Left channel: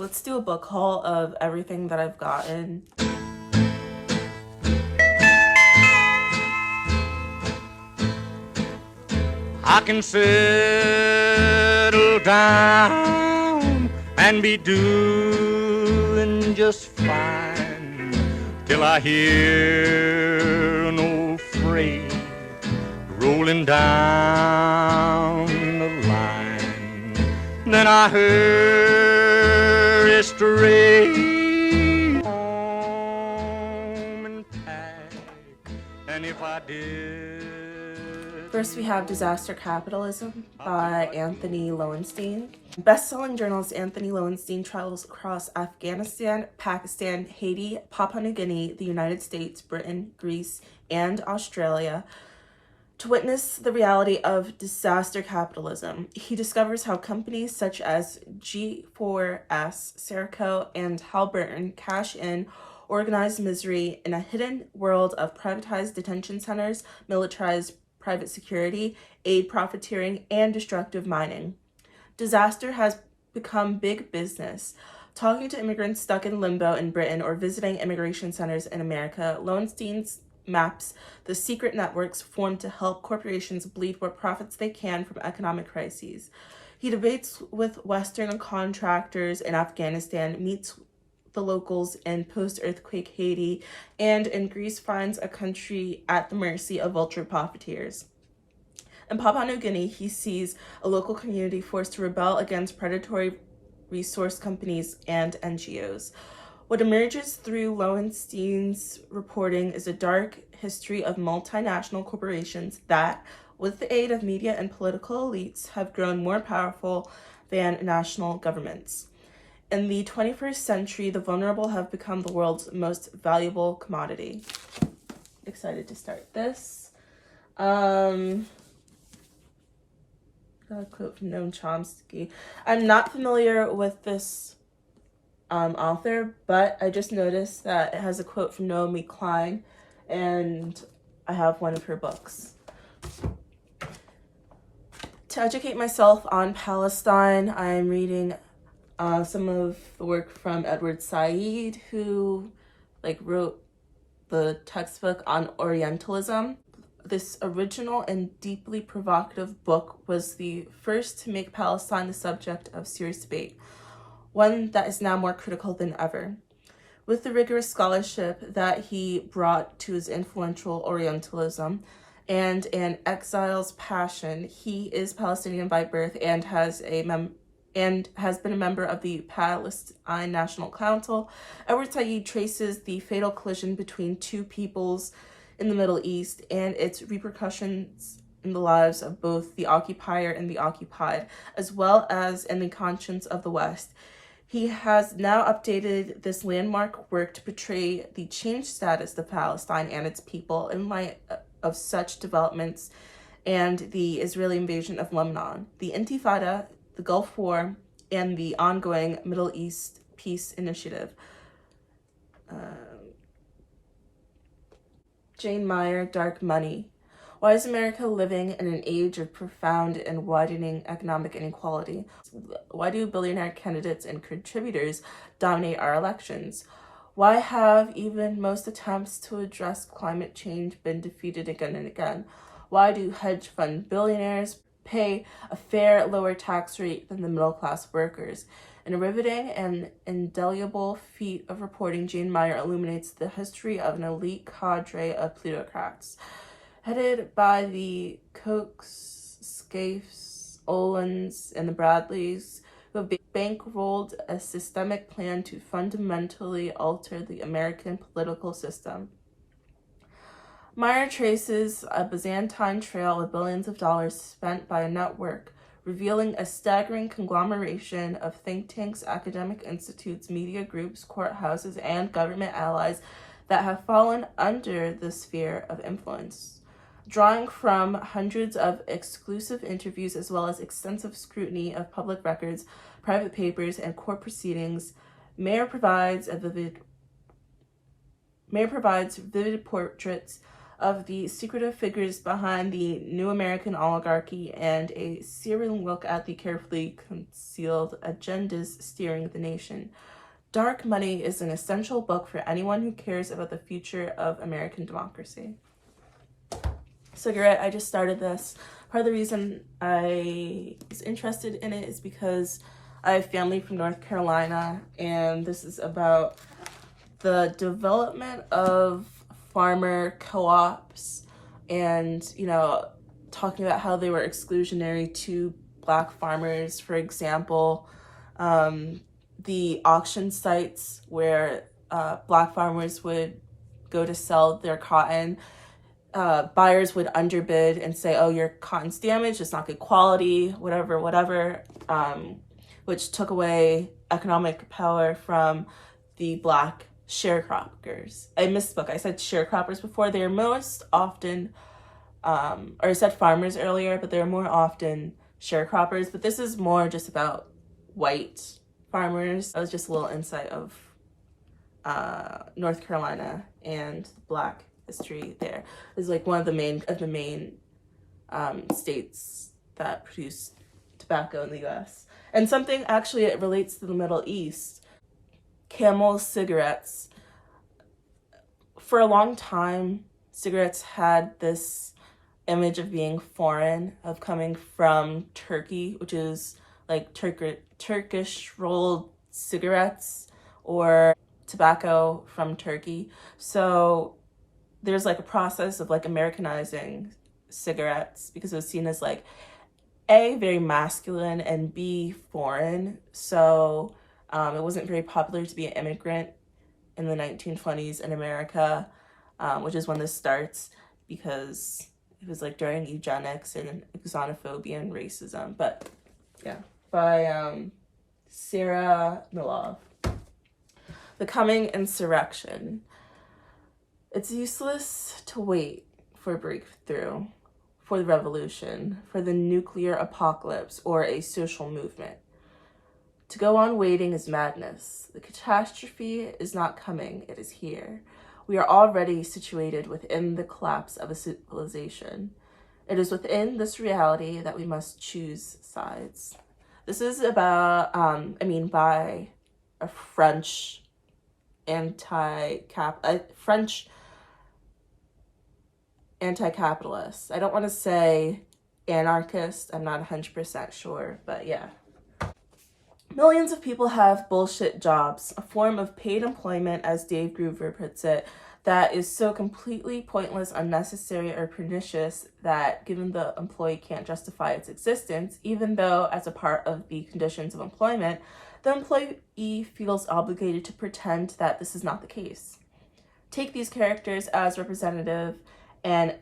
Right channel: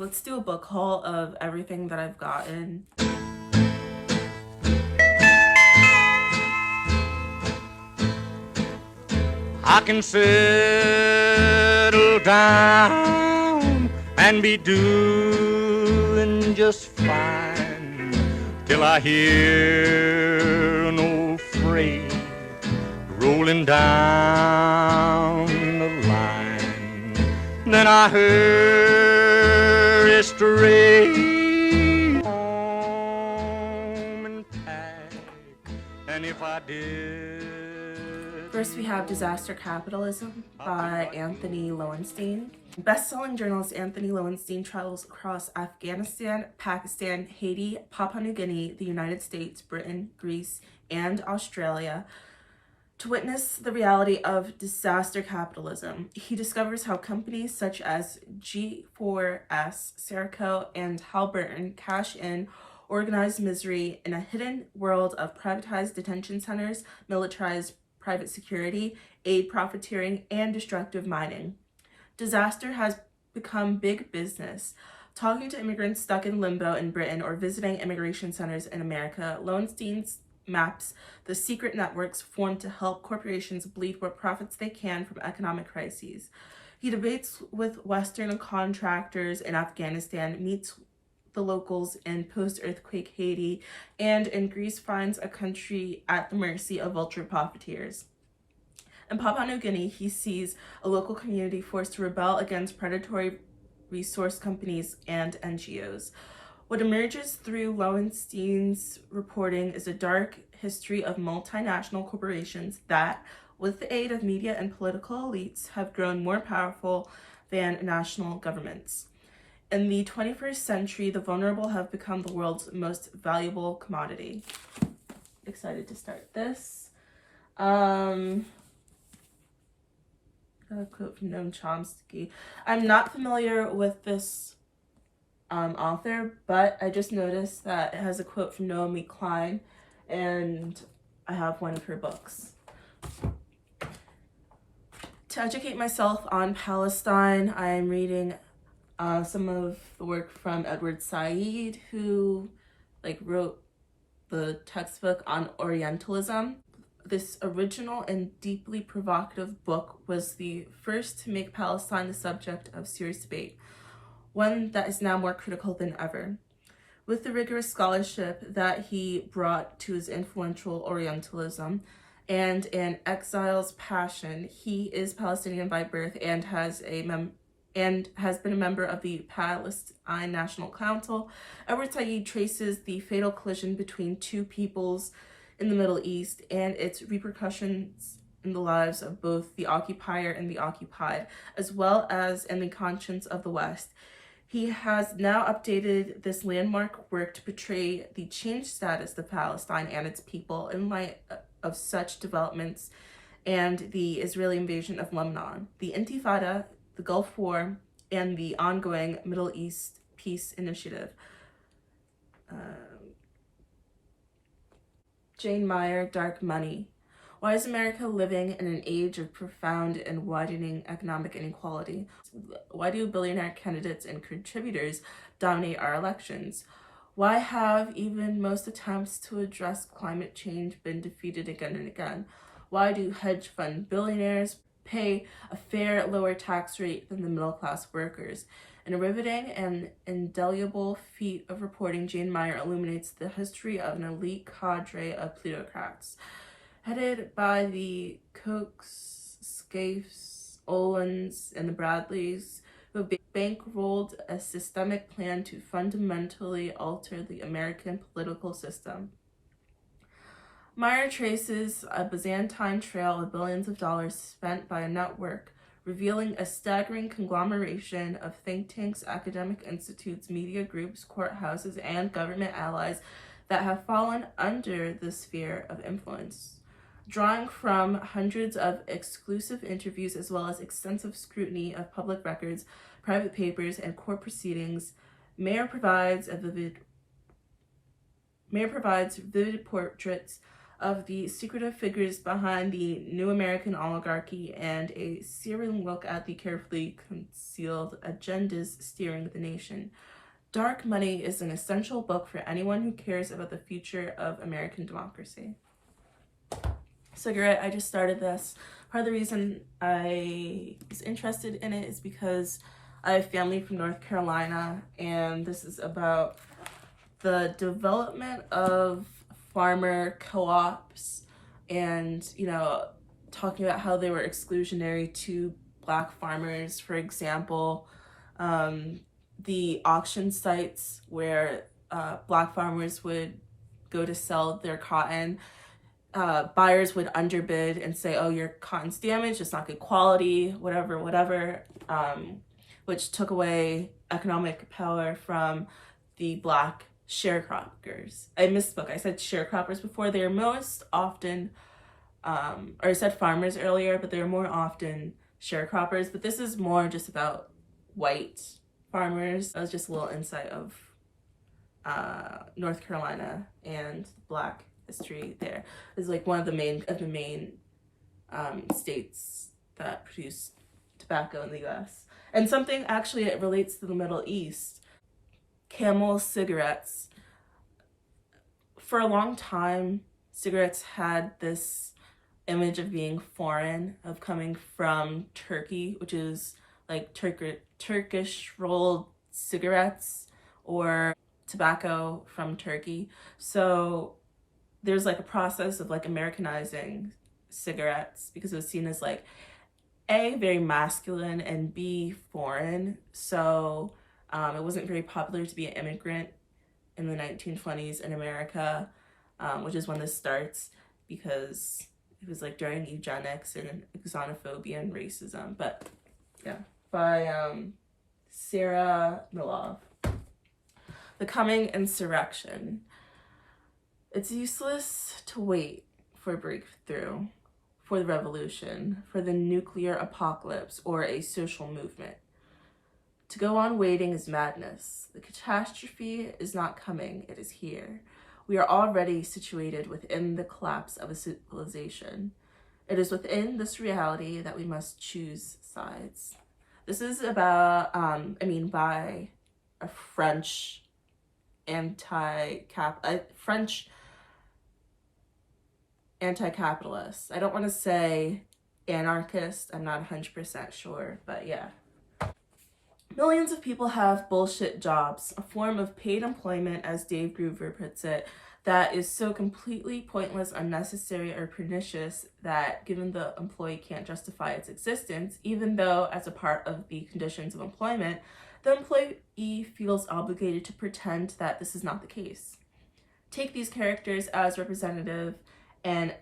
Let's do a book haul of everything that I've gotten. I can settle down and be doing just fine till I hear an old freight rolling down the line. Then I hurry straight home and pack, and if I did. First, we have Disaster Capitalism by Anthony Lowenstein. Best-selling journalist Anthony Lowenstein travels across Afghanistan, Pakistan, Haiti, Papua New Guinea, the United States, Britain, Greece, and Australia to witness the reality of disaster capitalism. He discovers how companies such as G4S, Serico, and Halliburton cash in organized misery in a hidden world of privatized detention centers, militarized private security, aid profiteering, and destructive mining. Disaster has become big business. Talking to immigrants stuck in limbo in Britain or visiting immigration centers in America, Lowenstein maps the secret networks formed to help corporations bleed what profits they can from economic crises. He debates with Western contractors in Afghanistan, meets the locals in post-earthquake Haiti, and in Greece finds a country at the mercy of vulture profiteers. In Papua New Guinea, he sees a local community forced to rebel against predatory resource companies and NGOs. What emerges through Lowenstein's reporting is a dark history of multinational corporations that, with the aid of media and political elites, have grown more powerful than national governments. In the 21st century, the vulnerable have become the world's most valuable commodity. Excited to start this. Got a quote from Noam Chomsky. I'm not familiar with this author, but I just noticed that it has a quote from Naomi Klein, and I have one of her books. To educate myself on Palestine, I'm reading some of the work from Edward Said, who wrote the textbook on Orientalism. This original and deeply provocative book was the first to make Palestine the subject of serious debate, one that is now more critical than ever. With the rigorous scholarship that he brought to his influential Orientalism and an exile's passion, he is Palestinian by birth and has been a member of the Palestine National Council. Edward Said traces the fatal collision between two peoples in the Middle East and its repercussions in the lives of both the occupier and the occupied, as well as in the conscience of the West. He has now updated this landmark work to portray the changed status of Palestine and its people in light of such developments and the Israeli invasion of Lebanon, the Intifada, the Gulf War, and the ongoing Middle East Peace Initiative. Jane Meyer, Dark Money. Why is America living in an age of profound and widening economic inequality? Why do billionaire candidates and contributors dominate our elections? Why have even most attempts to address climate change been defeated again and again? Why do hedge fund billionaires pay a fair lower tax rate than the middle-class workers? In a riveting and indelible feat of reporting, Jane Meyer illuminates the history of an elite cadre of plutocrats, headed by the Kochs, Scaifes, Olins, and the Bradleys, who have bankrolled a systemic plan to fundamentally alter the American political system. Meyer traces a Byzantine trail of billions of dollars spent by a network, revealing a staggering conglomeration of think tanks, academic institutes, media groups, courthouses, and government allies that have fallen under the sphere of influence. Drawing from hundreds of exclusive interviews as well as extensive scrutiny of public records, private papers, and court proceedings, Meyer provides vivid portraits of the secretive figures behind the new American oligarchy and a searing look at the carefully concealed agendas steering the nation. Dark Money is an essential book for anyone who cares about the future of American democracy. Cigarette, I just started this. Part of the reason I was interested in it is because I have family from North Carolina, and this is about the development of farmer co-ops and, you know, talking about how they were exclusionary to Black farmers. For example, the auction sites where Black farmers would go to sell their cotton, buyers would underbid and say, oh, your cotton's damaged, it's not good quality, whatever, which took away economic power from the Black sharecroppers. I misspoke. I said sharecroppers before. They are most often, or I said farmers earlier, but they're more often sharecroppers. But this is more just about white farmers. That was just a little insight of North Carolina and Black history there. It's like one of the main states that produce tobacco in the U.S. And something actually it relates to the Middle East. Camel cigarettes. For a long time, cigarettes had this image of being foreign, of coming from Turkey, which is like Turkish rolled cigarettes or tobacco from Turkey. So there's like a process of like Americanizing cigarettes because it was seen as like A, very masculine, and B, foreign. So it wasn't very popular to be an immigrant in the 1920s in America, which is when this starts, because it was like during eugenics and xenophobia and racism. But yeah, by Sarah Milov. The Coming Insurrection. It's useless to wait for a breakthrough, for the revolution, for the nuclear apocalypse, or a social movement. To go on waiting is madness. The catastrophe is not coming, it is here. We are already situated within the collapse of a civilization. It is within this reality that we must choose sides. This is about, by a French anti-capitalist. I don't want to say anarchist, I'm not 100% sure, but yeah. Millions of people have bullshit jobs, a form of paid employment, as Dave Groover puts it, that is so completely pointless, unnecessary, or pernicious that given the employee can't justify its existence, even though as a part of the conditions of employment, the employee feels obligated to pretend that this is not the case. Take these characters as representative: an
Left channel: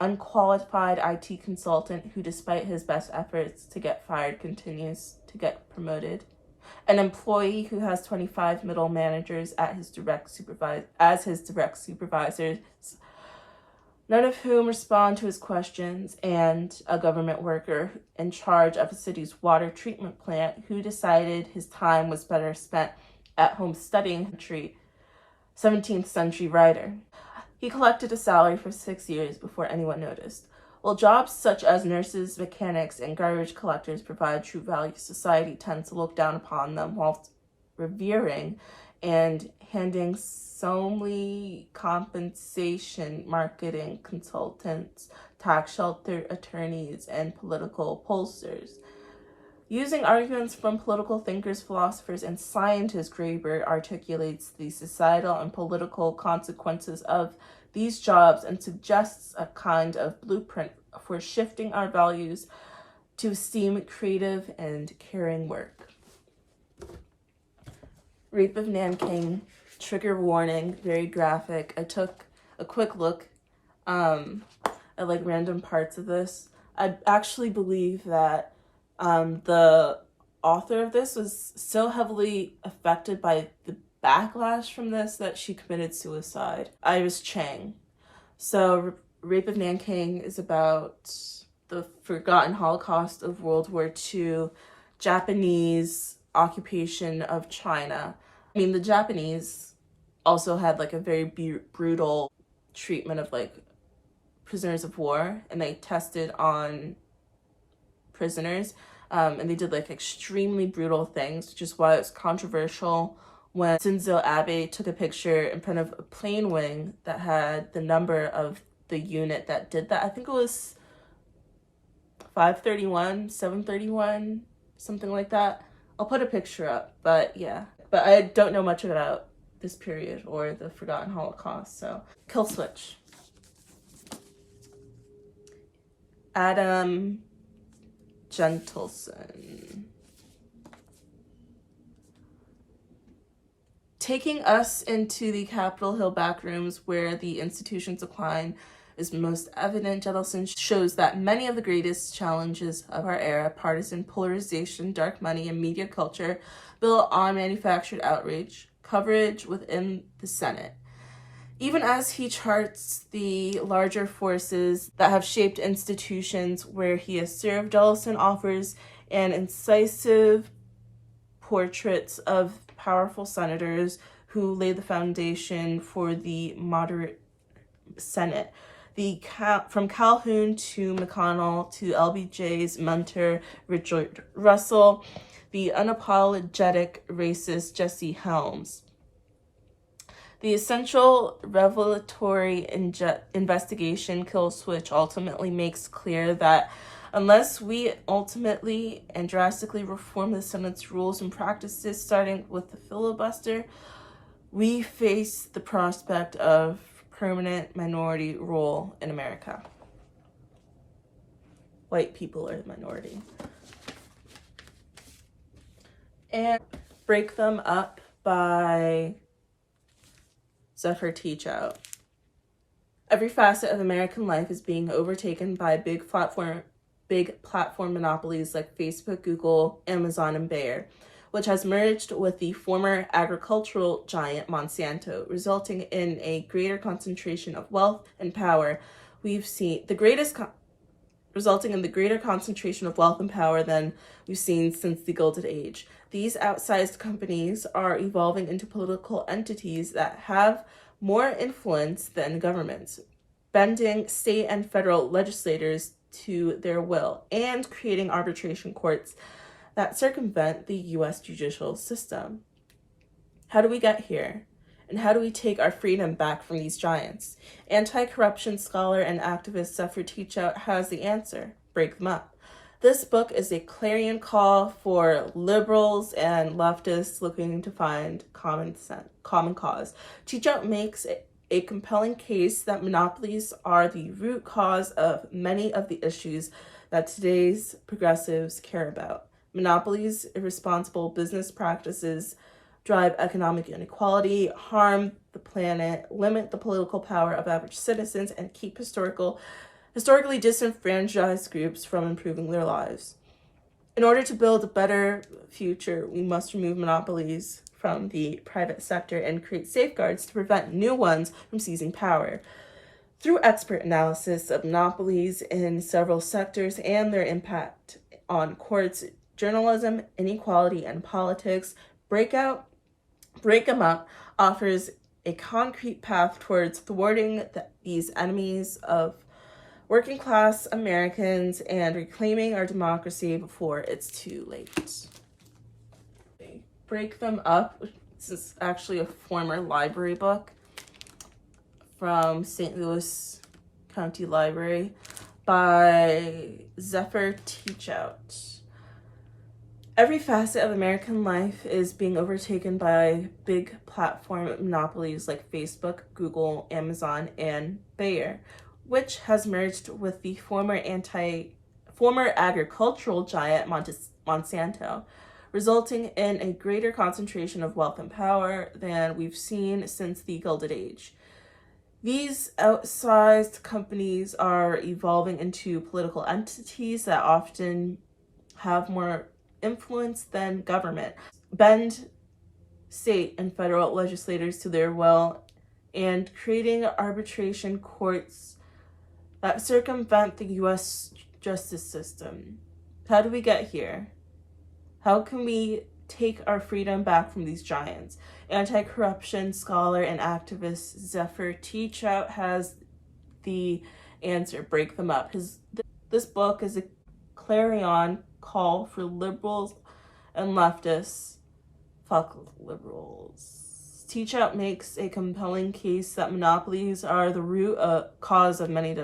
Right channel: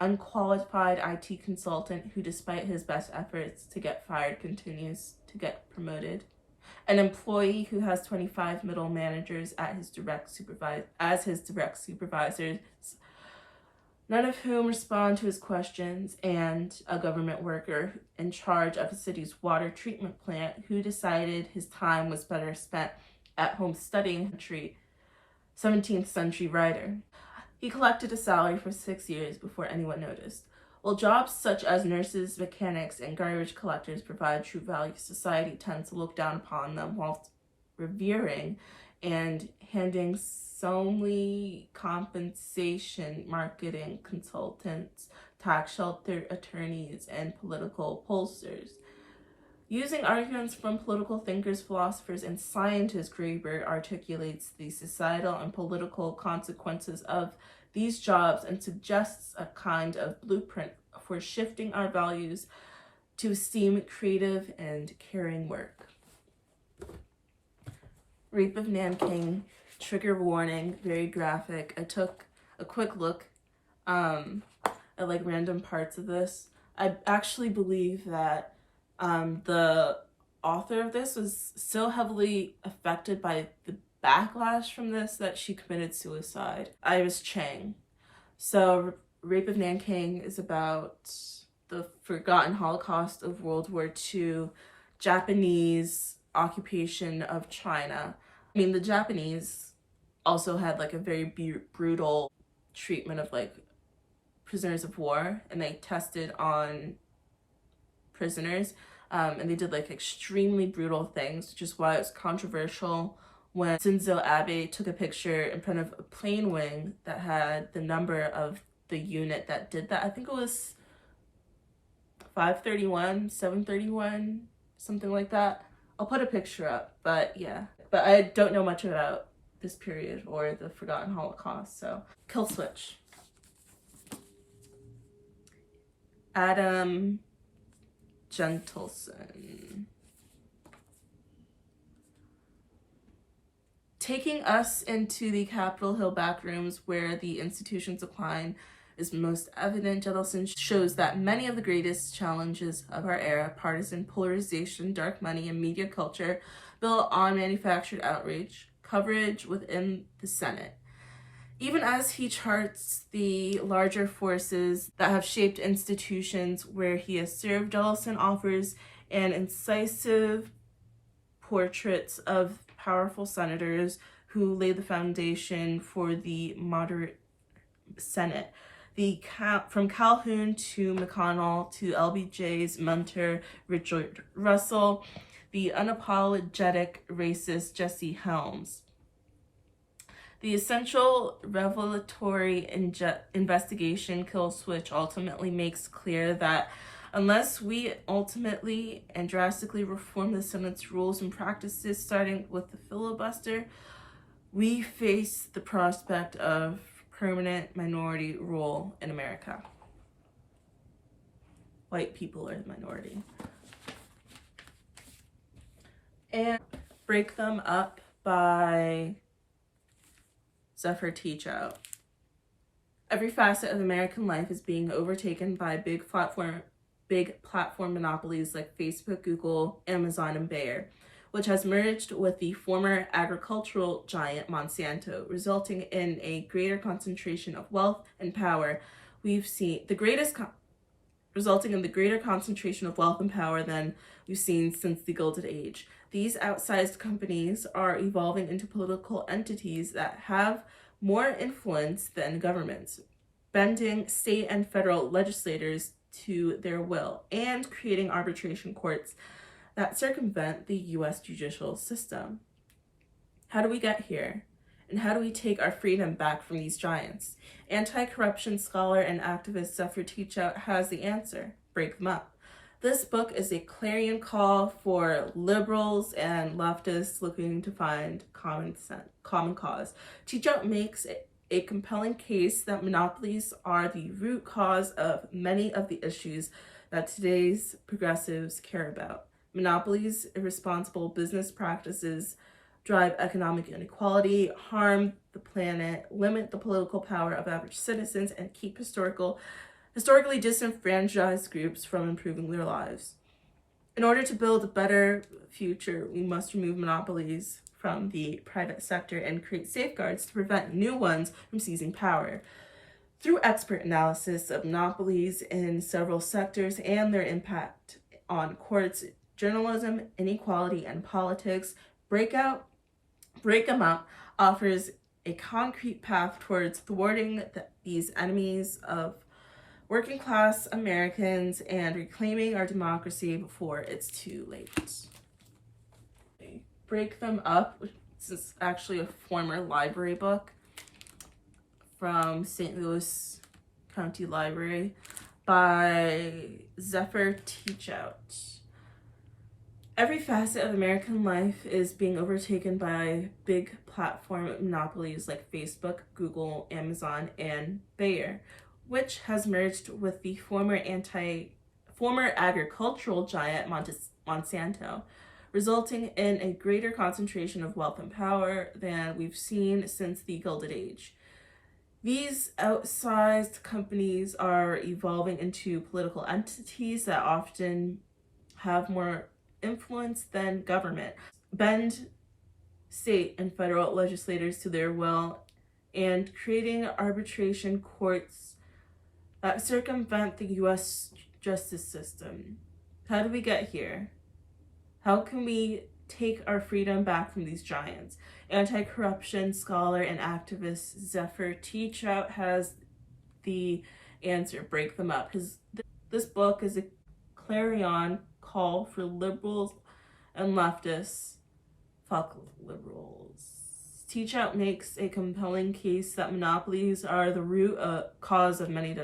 unqualified IT consultant who, despite his best efforts to get fired, continues to get promoted. An employee who has 25 middle managers as his direct supervisors, none of whom respond to his questions, and a government worker in charge of a city's water treatment plant who decided his time was better spent at home studying a 17th century writer. He collected a salary for 6 years before anyone noticed. While jobs such as nurses, mechanics, and garbage collectors provide true value, society tends to look down upon them whilst revering and handing solely compensation marketing consultants, tax shelter attorneys, and political pollsters. Using arguments from political thinkers, philosophers, and scientists, Graeber articulates the societal and political consequences of these jobs and suggests a kind of blueprint for shifting our values to esteem creative and caring work. Rape of Nanking, trigger warning, very graphic. I took a quick look at like random parts of this. I actually believe that the author of this was so heavily affected by the backlash from this that she committed suicide. Iris Chang. So Rape of Nanking is about the forgotten Holocaust of World War II, Japanese occupation of China. I mean, the Japanese also had like a very brutal treatment of like prisoners of war, and they tested on prisoners, and they did like extremely brutal things, which is why it's controversial when Shinzo Abe took a picture in front of a plane wing that had the number of the unit that did that. I think it was 531, 731, something like that. I'll put a picture up, but yeah. But I don't know much about this period or the Forgotten Holocaust, so. Kill switch. Adam Gentleson. Taking us into the Capitol Hill backrooms where the institution's decline is most evident, Gentleson shows that many of the greatest challenges of our era, partisan polarization, dark money, and media culture, built on manufactured outrage, coverage within the Senate. Even as he charts the larger forces that have shaped institutions where he has served, Jellison offers an incisive portraits of powerful senators who laid the foundation for the moderate Senate. From Calhoun to McConnell to LBJ's mentor, Richard Russell, the unapologetic racist Jesse Helms. The essential revelatory investigation Kill Switch ultimately makes clear that unless we ultimately and drastically reform the Senate's rules and practices, starting with the filibuster, we face the prospect of permanent minority rule in America. White people are the minority. And break them up by Zephyr Teachout. Every facet of American life is being overtaken by big platform monopolies like Facebook, Google, Amazon, and Bayer, which has merged with the former agricultural giant Monsanto, resulting in a greater concentration of wealth and power. Resulting in the greater concentration of wealth and power than we've seen since the Gilded Age. These outsized companies are evolving into political entities that have more influence than governments, bending state and federal legislators to their will and creating arbitration courts that circumvent the U.S. judicial system. How do we get here? And how do we take our freedom back from these giants? Anti-corruption scholar and activist Zephyr Teachout has the answer. Break them up. This book is a clarion call for liberals and leftists looking to find common cause. Teachout makes a compelling case that monopolies are the root cause of many of the issues that today's progressives care about. Monopolies, irresponsible business practices, drive economic inequality, harm the planet, limit the political power of average citizens, and keep historically disenfranchised groups from improving their lives. In order to build a better future, we must remove monopolies from the private sector and create safeguards to prevent new ones from seizing power. Through expert analysis of monopolies in several sectors and their impact on courts, journalism, inequality, and politics, Break 'em Up offers a concrete path towards thwarting these enemies of working class Americans and reclaiming our democracy before it's too late. Break Them Up, this is actually a former library book from St. Louis County Library by Zephyr Teachout. Every facet of American life is being overtaken by big platform monopolies like Facebook, Google, Amazon, and Bayer, which has merged with the former agricultural giant Monsanto, resulting in a greater concentration of wealth and power than we've seen since the Gilded Age. These outsized companies are evolving into political entities that often have more influence than government, bend state and federal legislators to their will, and creating arbitration courts that circumvent the U.S. justice system. How do we get here? How can we take our freedom back from these giants? Anti-corruption scholar and activist Zephyr Teachout has the answer, break them up. This book is a clarion call for liberals and leftists. Fuck liberals. Teachout makes a compelling case that monopolies are the root cause of many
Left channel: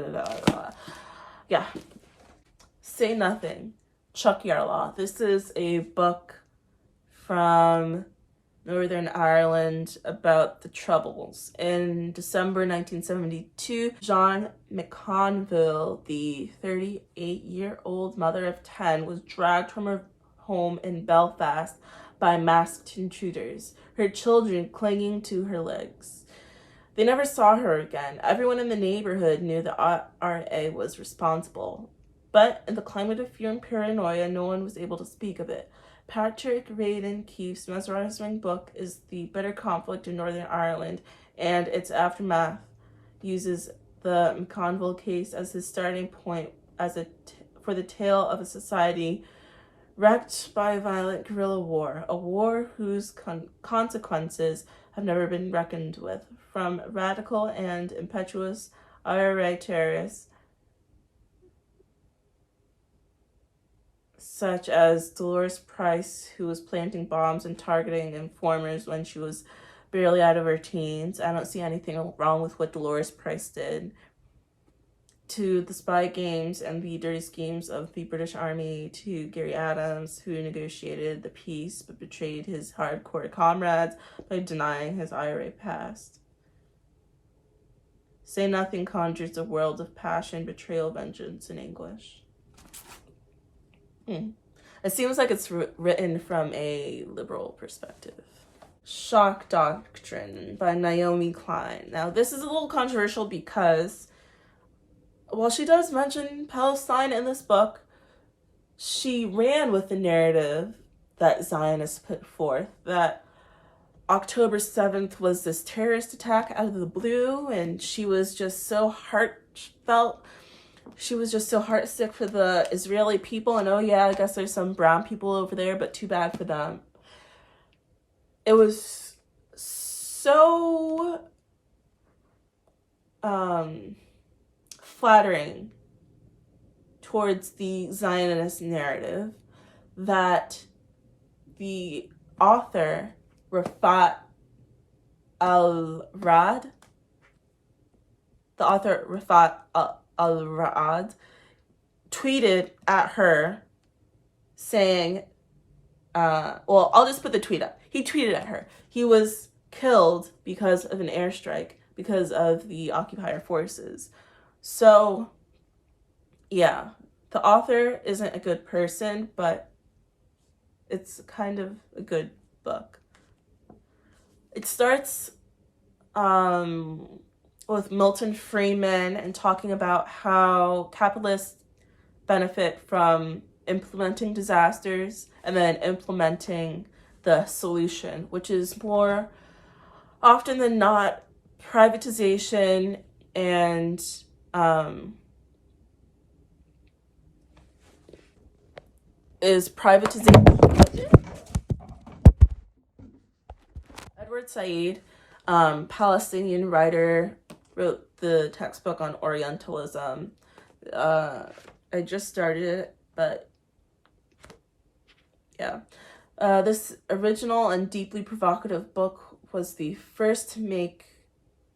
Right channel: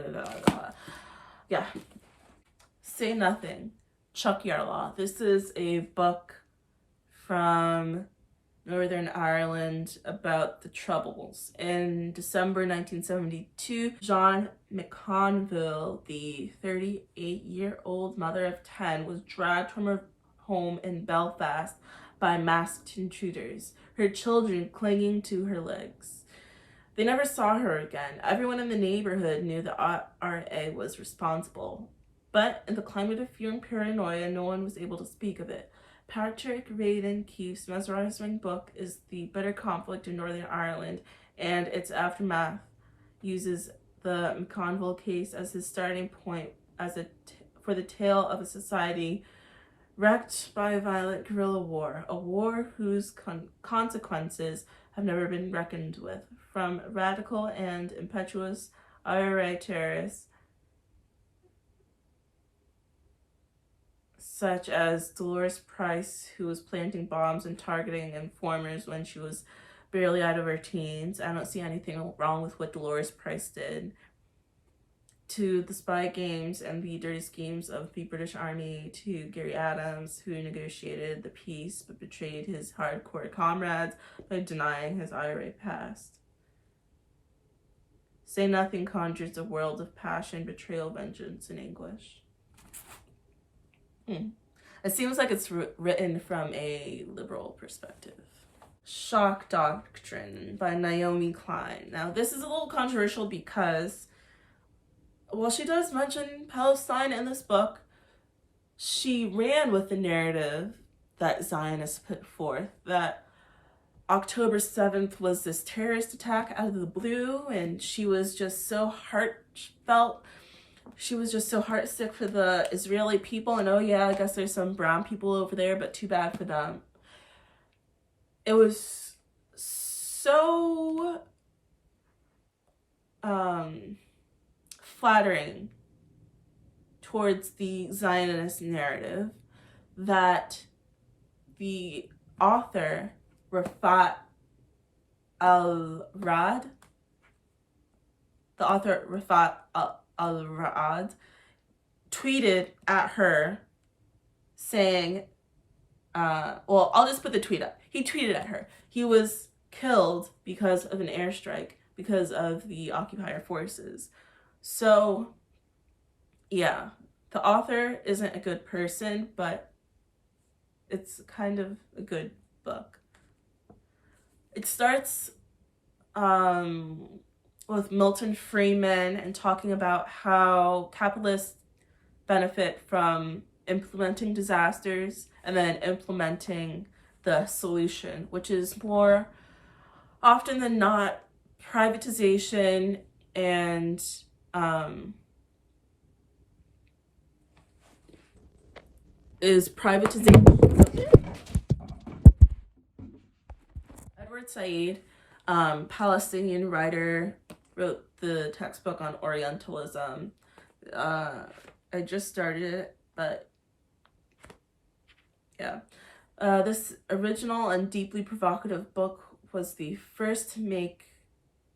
Yeah. Say Nothing. Chuck Yarlaw. This is a book from Northern Ireland about the Troubles. In December 1972, Jean McConville, the 38-year-old mother of 10, was dragged from her home in Belfast by masked intruders, her children clinging to her legs. They never saw her again. Everyone in the neighborhood knew the IRA was responsible. But in the climate of fear and paranoia, no one was able to speak of it. Patrick Radden Keefe's mesmerizing book is The Bitter Conflict in Northern Ireland, and its aftermath uses the McConville case as his starting point for the tale of a society wrecked by violent guerrilla war, a war whose consequences have never been reckoned with, from radical and impetuous IRA terrorists such as Dolores Price, who was planting bombs and targeting informers when she was barely out of her teens. I don't see anything wrong with what Dolores Price did. To the spy games and the dirty schemes of the British Army, to Gary Adams, who negotiated the peace but betrayed his hardcore comrades by denying his IRA past. Say Nothing conjures a world of passion, betrayal, vengeance, and anguish. It seems like it's written from a liberal perspective. Shock Doctrine by Naomi Klein. Now, this is a little controversial because while she does mention Palestine in this book, she ran with the narrative that Zionists put forth, that October 7th was this terrorist attack out of the blue, and she was just so heartfelt. She was just so heartsick for the Israeli people, and oh yeah, I guess there's some brown people over there, but too bad for them. It was so flattering towards the Zionist narrative that the author, Rafat al-Rad, al-Ra'ad, tweeted at her saying, I'll just put the tweet up. He tweeted at her. He was killed because of an airstrike, because of the occupier forces. So, yeah, the author isn't a good person, but it's kind of a good book. It starts with Milton Friedman and talking about how capitalists benefit from implementing disasters and then implementing the solution, which is more often than not privatization and Edward Said, Palestinian writer, wrote the textbook on Orientalism. I just started it, but yeah. This original and deeply provocative book was the first to make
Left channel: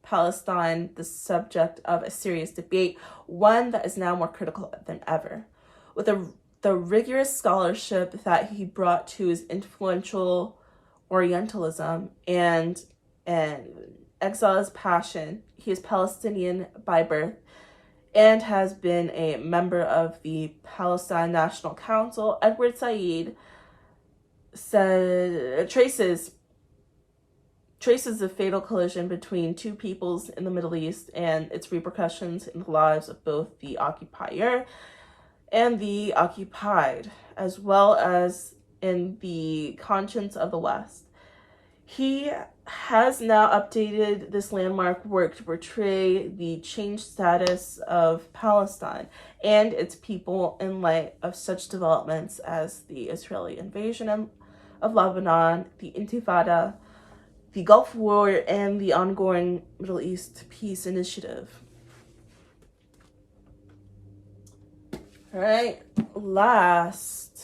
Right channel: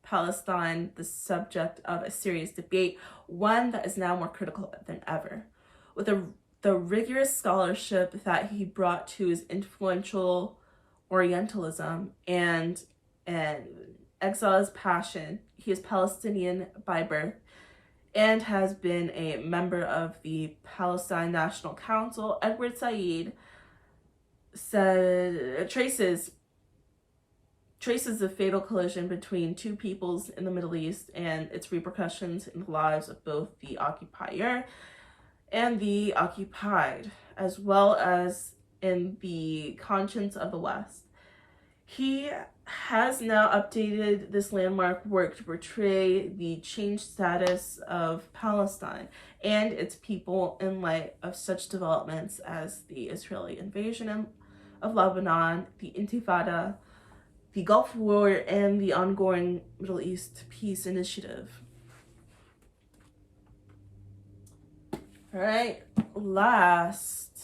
Palestine the subject of a serious debate, one that is now more critical than ever. With the rigorous scholarship that he brought to his influential Orientalism and exile's passion, he is Palestinian by birth and has been a member of the Palestine National Council. Edward Said traces the fatal collision between two peoples in the Middle East and its repercussions in the lives of both the occupier and the occupied, as well as in the conscience of the West. He has now updated this landmark work to portray the changed status of Palestine and its people in light of such developments as the Israeli invasion of Lebanon, the Intifada, the Gulf War, and the ongoing Middle East Peace Initiative. All right, last